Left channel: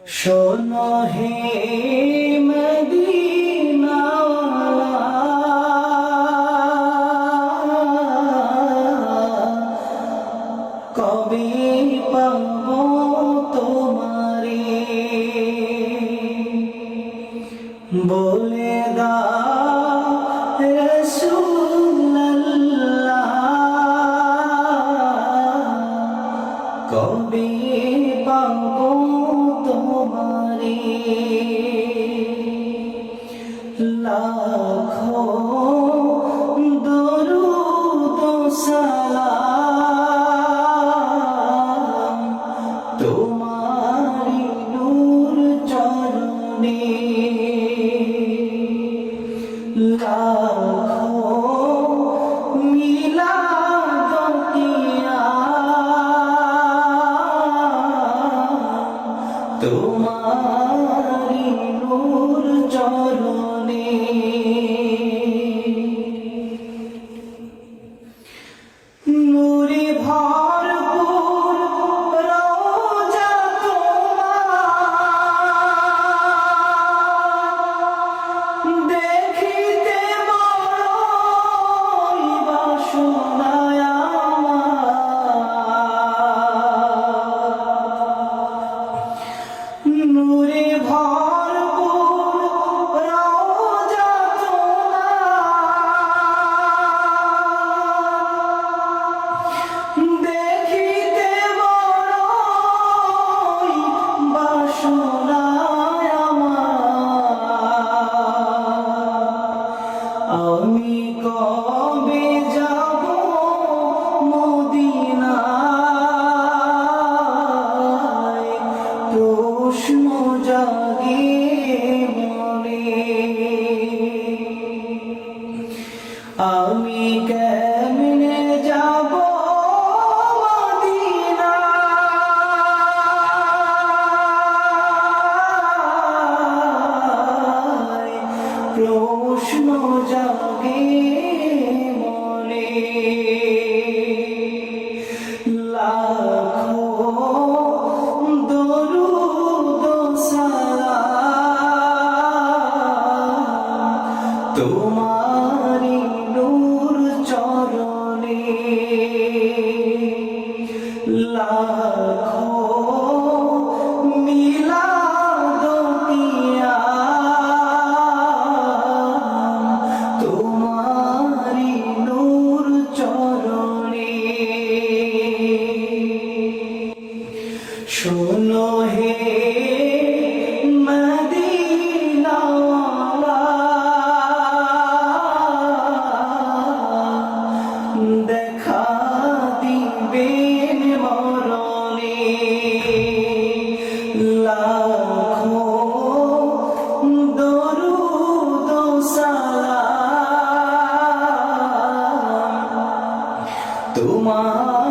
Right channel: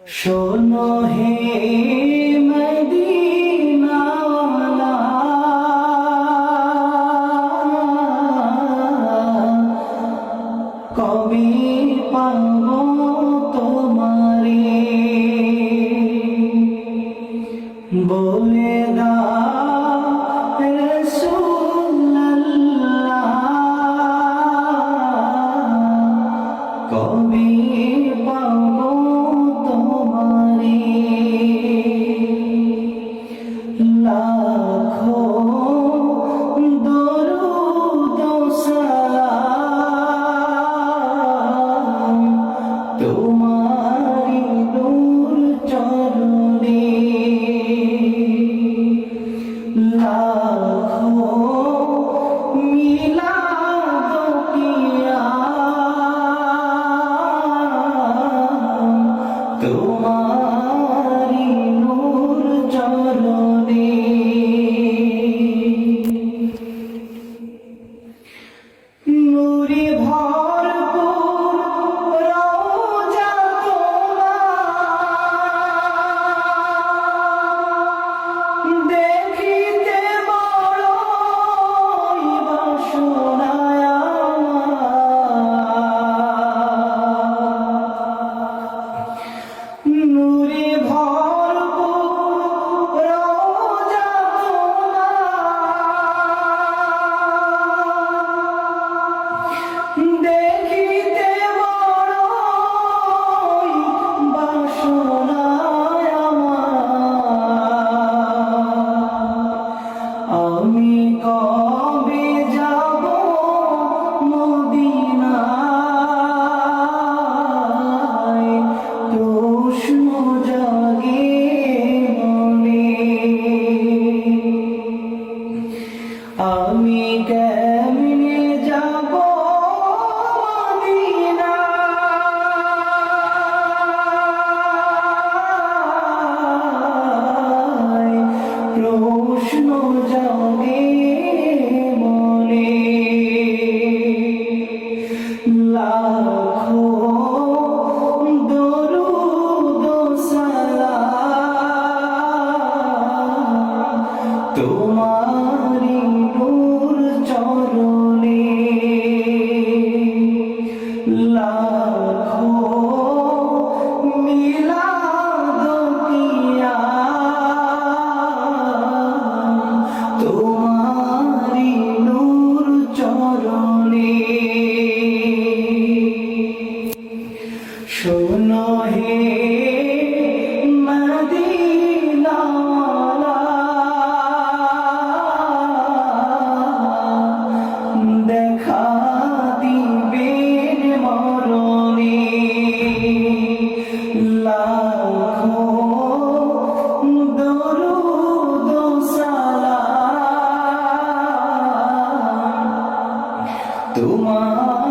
শোনো হে মদিনাওয়ালা, কবে পাবো তোমারে, বলে দাও রাসূলুল্লাহ, কবে পাবো তোমারে। লাখো দরুদ সালাম তোমারি নূর চরণে, লাখো মিলাদ কিয়াম তোমারি নূর চরণে। নূরে ভরপুর রওজা তোমার, দেখিতে বড়ই বাসনা আমার। নূরে ভরপুর রওজা তোমার, দেখিতে বড়ই বাসনা আমার। আমি কবে যাব মদিনায়, প্রশ্ন জাগে মনে। আমি কেমনে যাব মদিনায়, প্রশ্ন জাগে মনে। লাখো দরুদ সালাম তোমারি নূর চরণে, লাখো মিলাদ কিয়াম তোমারি নূর চরণে। শোনো হে মদিনাওয়ালা, দেখা দিবেন মরণে, লাখো দরুদ সালাম তোমার